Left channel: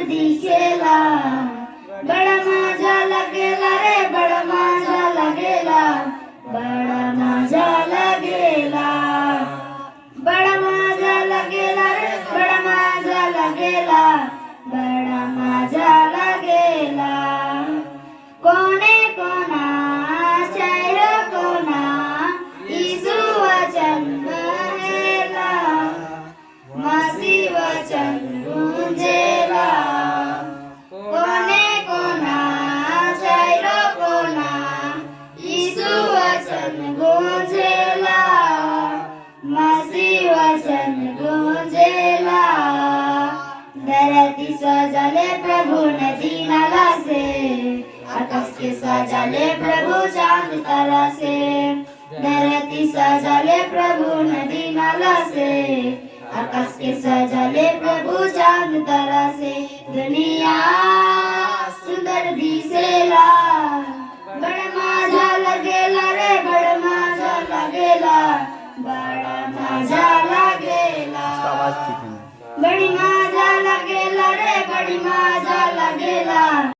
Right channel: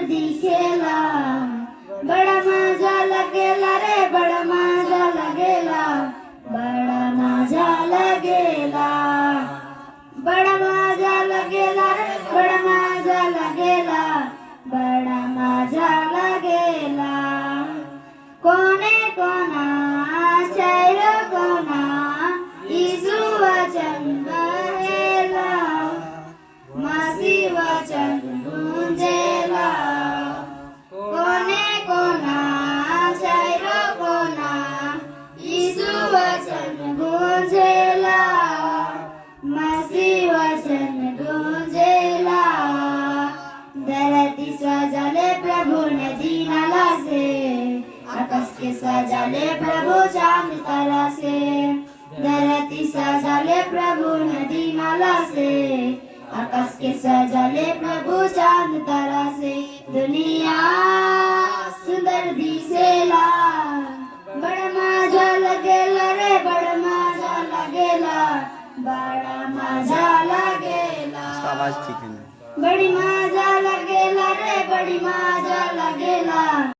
सुंदर दिसेला, बड़ा मजा लगेला रे, बड़ा मजा लगेला, बड़ा मजा लगेला, बड़ा मजा लगेला रे, बड़ा मजा लगेला, बड़ा मजा लगेला. कोणे कोणा चैर कोणा ईसु वचन गूंजेला, मसी वचन गूंजेला. कोणे कोणा चैर कोणा ईसु वचन गूंजेला, मसी वचन गूंजेला. धरती सजाले प्रभु नदी नाला से, आकाश के सजाले प्रभु चांद तारा से. धरती सजाले प्रभु नदी नाला से, आकाश के सजाले प्रभु चांद तारा से. दुनिया सुंदर दिसेला, बड़ा मजा लगेला रे, बड़ा मजा लगेला, बड़ा मजा लगेला. आवाज ठीक है. बड़ी मजा लगेला रे, बड़ी मजा लगेला.